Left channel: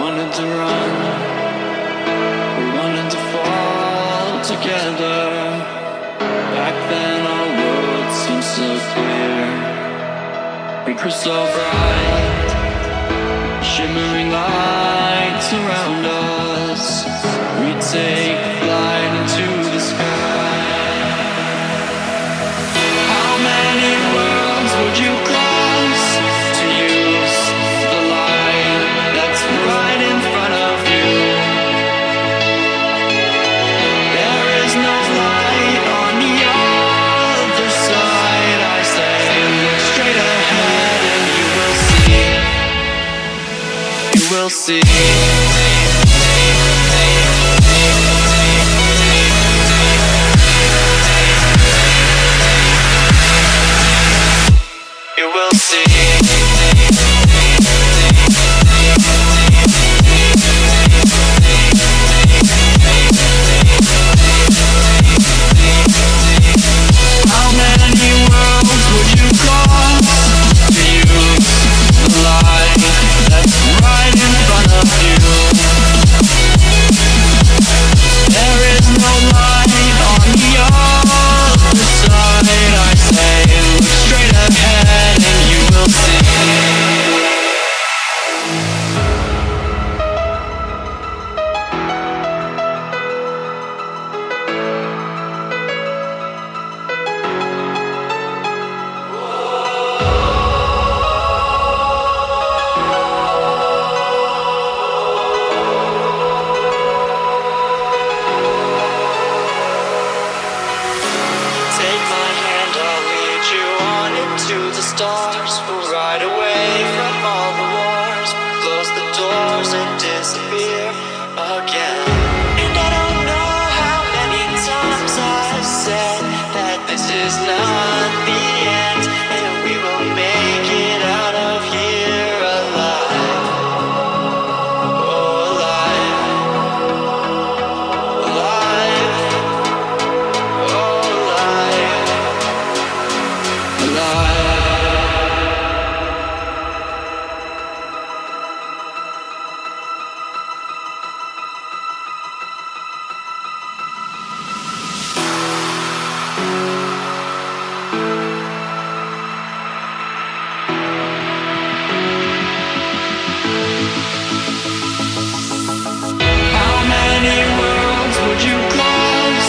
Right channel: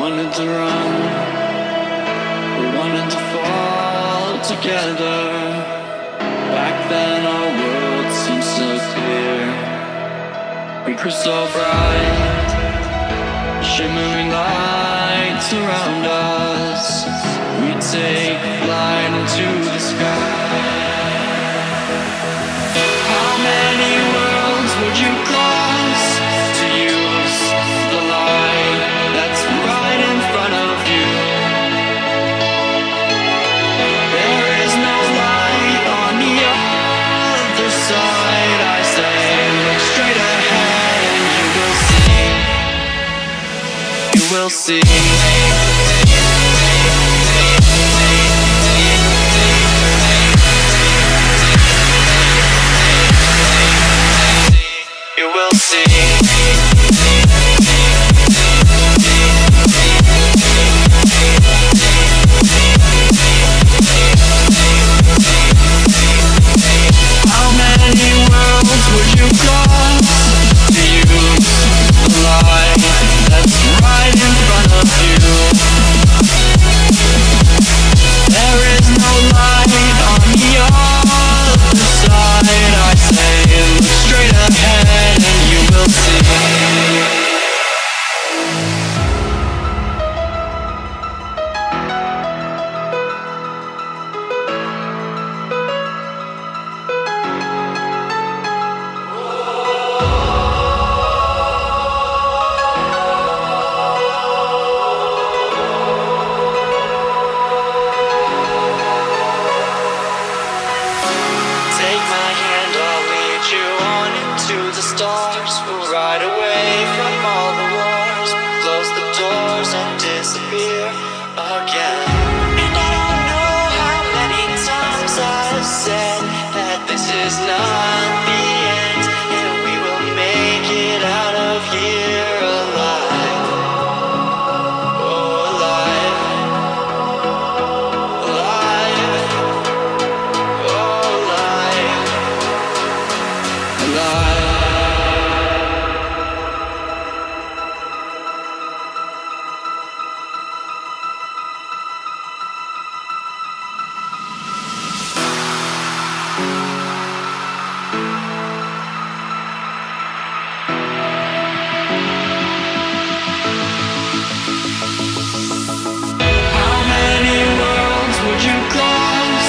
wanted to run, we wanted to fall together. Back then our world seemed so clear, we were so bright, shimmering lights around us. We'd take flight into the sky. How many worlds would you cross to use the light that's right in front of you? There is no light on the other side. I say, look straight ahead and you will see. You will see. You will see. How many worlds would you cross to use the light that's right in front of you? There is no light on the other side. I say, look straight ahead and you will see. Take my hand, I'll lead you on into the stars. We'll ride away from all the wars, close the doors and disappear again. And I don't know how many times I've said that this is not the end, and we will make it out of here alive. Oh, alive. Alive. Oh, alive. Alive. How many worlds would you cross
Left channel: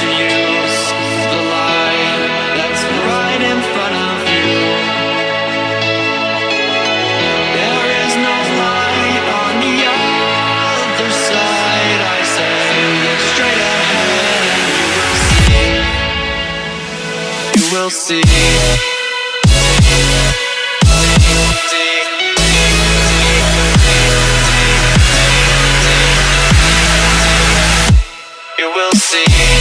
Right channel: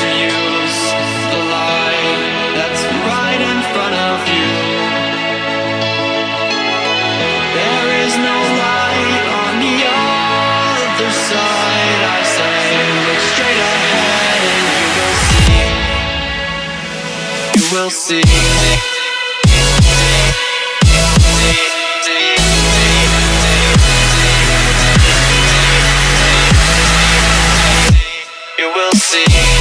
to use the light that's right in front of you? There is no light on the other side. I say, look straight ahead and you will see. You will see. You will see.